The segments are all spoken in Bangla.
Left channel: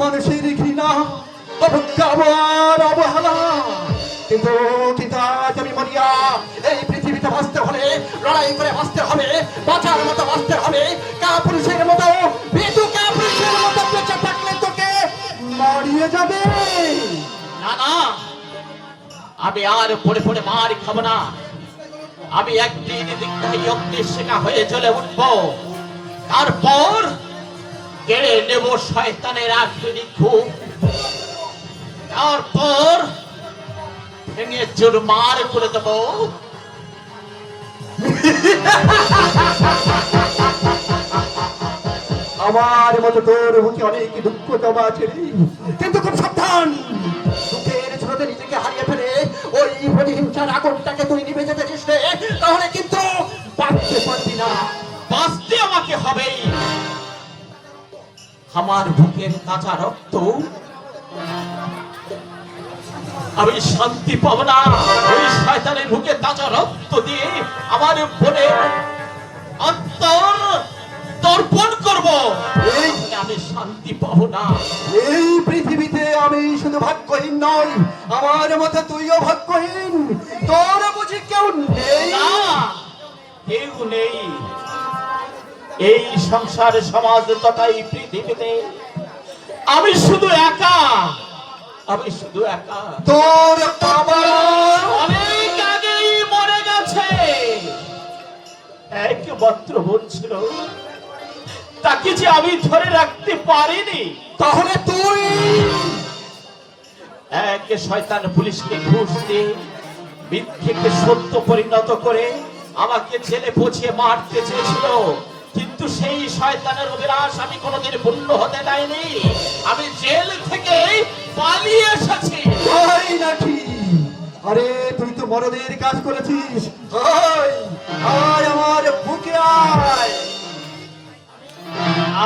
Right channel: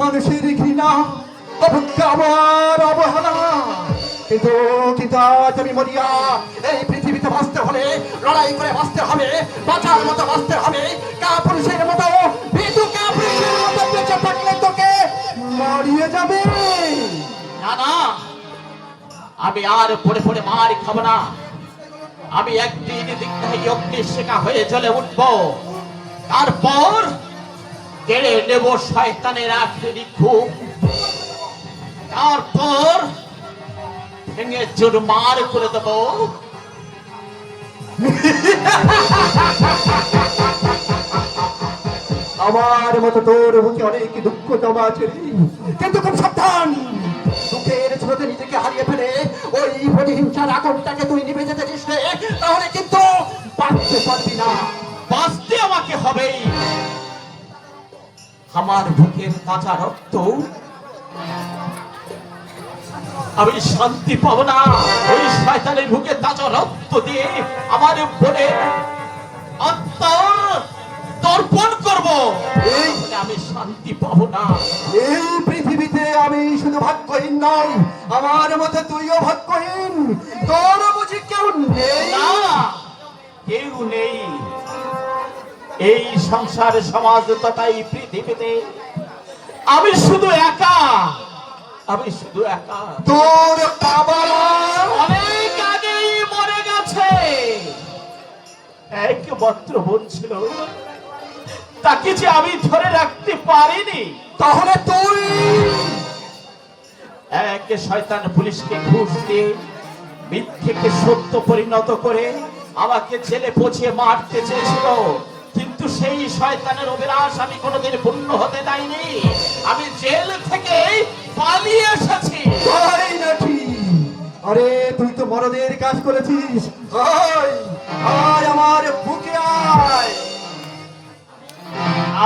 মানুষের ঘৃণা অবজ্ঞা আমার অবহেলা কিন্তু কিন্তু আজ আমি মরিয়া এই পৃথিবীতে বাঁচতে হলে লড়াই করে বাঁচতে হবে বাঁচার মতো বাঁচতে হবে কাপুরুষের মতো ভীতু কাপুরুষের মতো বেঁচে থাকলে তোকে মরিয়ে যাবে না না, আমি আর পড়ে পড়ে মার খাবো না। আমি একদিন দীক্ষায় অগ্নির শিখা হয়ে জ্বলে উঠবো, তারপর কেড়ে নেব শয়তানের আখেরি ঘুম, তারপর ভেঙে চুরমার করে দেব। আমার মতো তোর বুকে অনেক দুঃখ জমা আছে কিন্তু খুব সাবধান দুঃখের স্রোতে নিজেকে হারিয়ে ফেলে ওই প্রতিহিংসার আগুনটাকে তুই নিভে যেতে চেষ্টা তাহলে কিন্তু বাঁচতে পারবি না। বাঁচতে আমাকে হবেই। আমার বুকের কাঁচা রক্ত আমি শান্তি পাবো না। ওই শয়তানের বুকে তাজা রক্ত দিয়ে আমার বোনের অন্তর তর্পণ করবো, আমি শান্তি পাবো না। এই পৃথিবীতে আমি শুধু ভাগ্যহীন নয়, আমার মতে তুইও ভাগ্যহীন। তোর বুঝি কেউ নেই? না, কেউ নেই। এই সংসার সমাজ তথা এই পৃথিবীতে আমি শুধু একা। আমি শুধু একা। তোর বাবা অনেক আগেই মরে গেছে। একমাত্র বোন ছিল, তাকে যে আমি ধরে রাখতে পারিনি। তাহলে তুই এক শয়তান পুলিশকে ঘুষ দিয়ে মিথ্যেকে সত্য পরিণত করে আমাকে জেলে পৌঁছে মারতে চেয়েছিল, কিন্তু সেই শয়তানের অভিলাষ আমি কোনোদিন পূর্ণ হতে দেয়নি। আমি জেল থেকে পালিয়ে এসেছি। তাই নাকি? আরে তুই তো মরদের কাজ করেছিস। আয় আয় আমার বুকে আয়।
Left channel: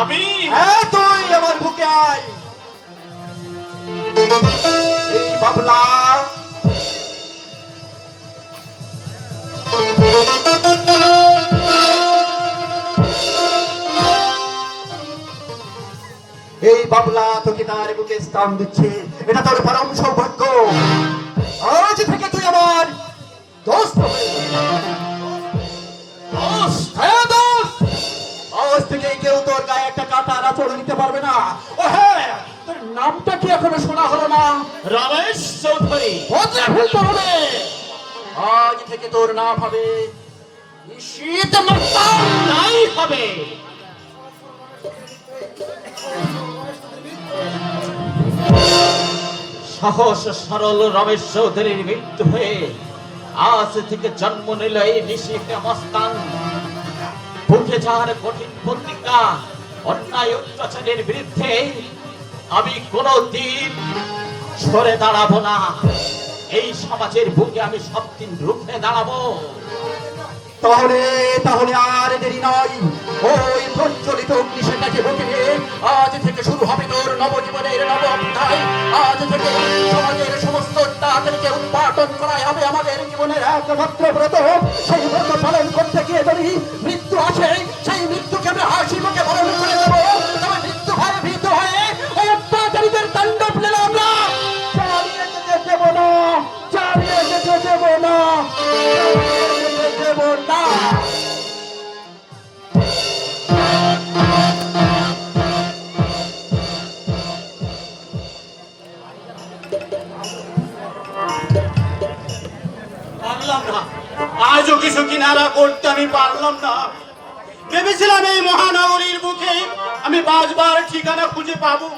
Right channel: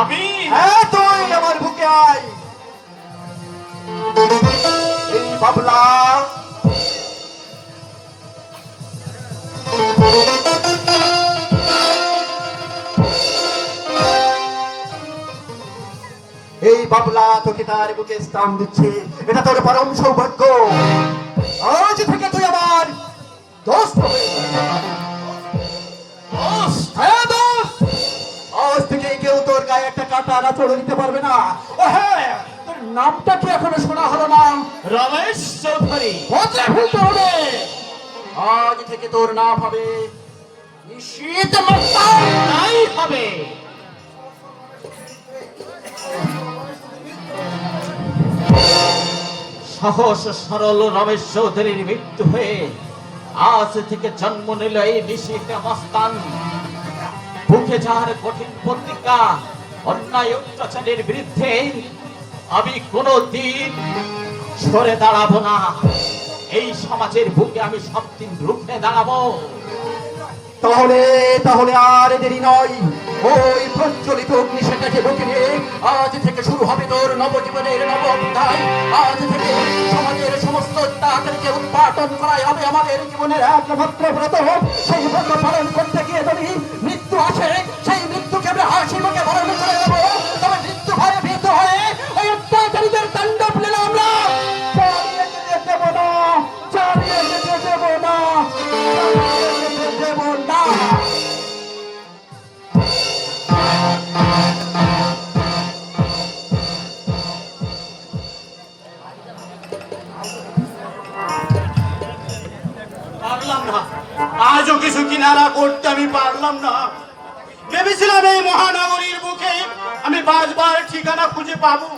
আমি হ্যাঁ তুই আমার বুকে আয়। এই বাবলা এই বাবলা তোকে তার বুকে স্থান দিচ্ছে, এটা তোর পরম সৌভাগ্য। আজ থেকে তুই আমার দোস্ত হয়ে গেলি। হ্যাঁ দোস্ত, আজ থেকে কেউ তোর গায়ে একটা কাঁটা আঁচড় দিতে পারবে না। ও হ্যাঁ, তোর নামটা কি এখনো শোনা হলো না? রমেশ চৌধুরী। বদলে ফেলতে হবে। আজ থেকে তোর নাম হবে নিশীথ মাস্টার। তাই হবে। সহজ সরল রমেশ চৌধুরীর মৃত্যু হয়ে আজ থেকে জন্ম নিল এই নিশীথ মস্তান। বুকে যার কঠিন প্রতিজ্ঞা, অন্যায় অত্যাচারের বিরুদ্ধে আমি কোনদিন সরে দাঁড়াবো না। এই সমাজের বুকে আমি সবদিন রুখে দাঁড়াবো। তাহলে তাহলে আর দেরি নয়, ওই প্রজ্বলিত অগ্নিশিখাকে বুকে নিয়ে আজ থেকে শুরু হবে তোর নবজীবনের নব অধ্যায়। আজ থেকে সমাজের সমস্ত অত্যাচারকে উৎপাদন করাই হবে আমাদের জীবনের একমাত্র ব্রত। সেই ব্রত পালন করতে গিয়ে যদি মৃত্যু আসে, সেই মৃত্যুকে আমরা হাসি মুখে বরণ করে দেবো। তবে মৃত্যু হারে ভীত হয়ে ওই অত্যাচারীদের তাণ্ডব লীলা আমরা চালিয়ে যেতে দেবো না, চালিয়ে যেতে দেবো না, দেবো না। পারলাম না, আজও কিছু কিনারা করতে আমি পারলাম না। ভেবেছিলাম এই মহানগরীর বুকে আমি বাঁচবার ঠিকানা খুঁজে পাবো,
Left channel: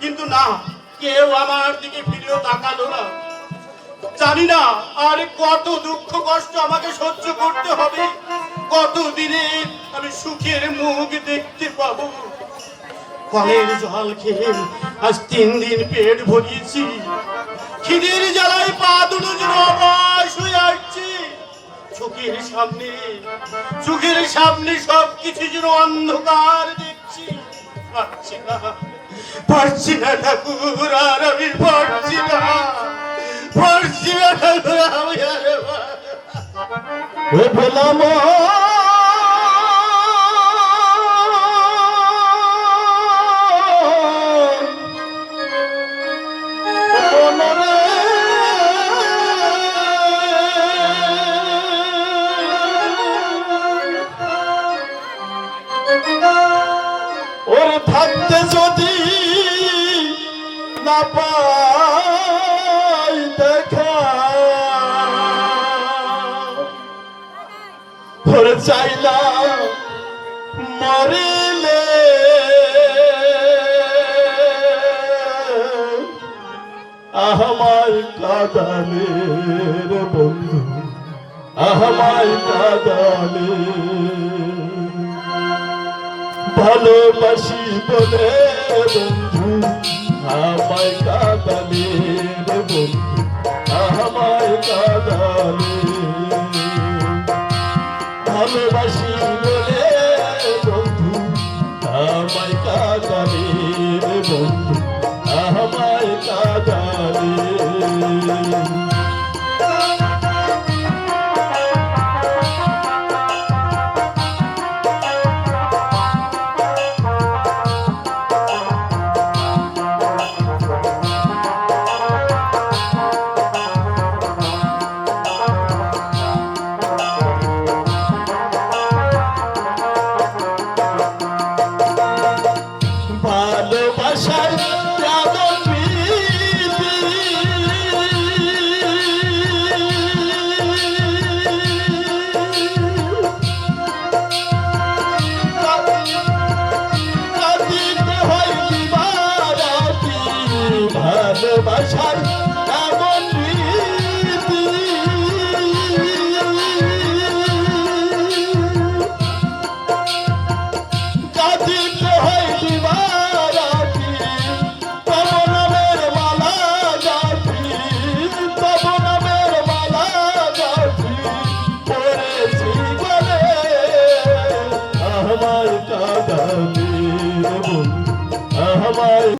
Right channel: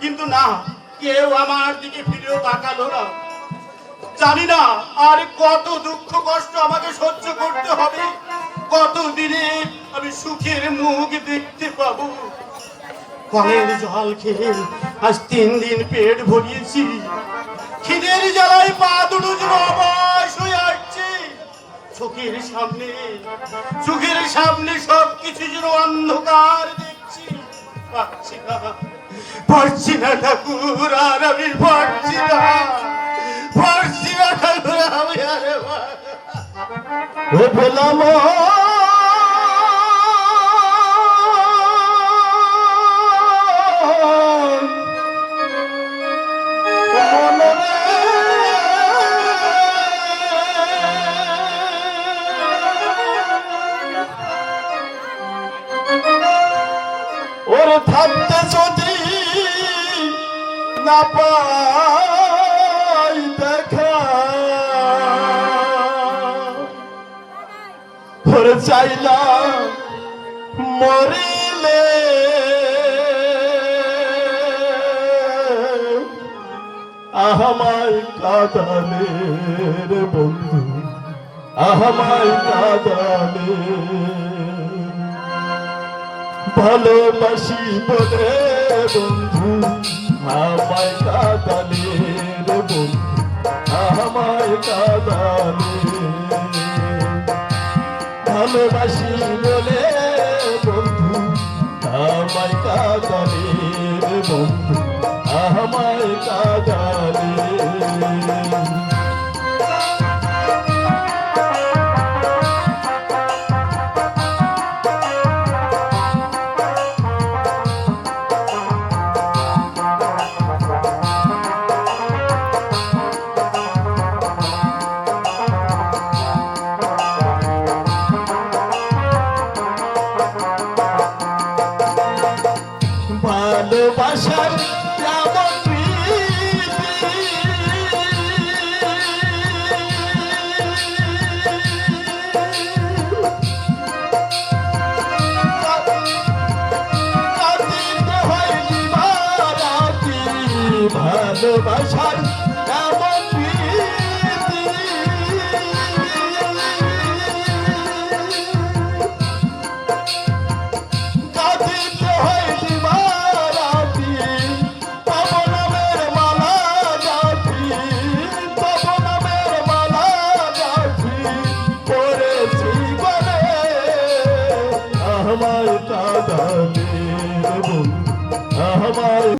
কিন্তু না, কেউ আমার দিকে ফিরেও তাকালো না। জানি না আর কত দুঃখ কষ্ট আমাকে সহ্য করতে হবে, কত দিনে আমি সুখের মুখ দেখতে পাবো। কলের জল খেয়ে আজ 3 দিন পেট ভরিয়েছি, খিদের জ্বালায় পা দুটো যেন অবশ হয়ে আসছে। চোখের সামনে সবকিছু যেন অন্ধকার দেখছি। পারছি না ঠাকুর, আর আমি পারছি না, পারছি না ঠাকুর, আমি আরে পেলাম চাই না মরিলে আমায় কাঁদালে রে বন্ধু আমায় কাঁদালে ভালোবাসি বলে বন্ধু আমায় কাঁদালে রে বন্ধু আমায় কাঁদালে ভালোবাসি বলে বন্ধু আমায় কাঁদালে রে বন্ধু আমায় কাঁদালে ভালোবাসার এমন ভালোবাসার এমন আমার কাঁদালে বন্ধু আমার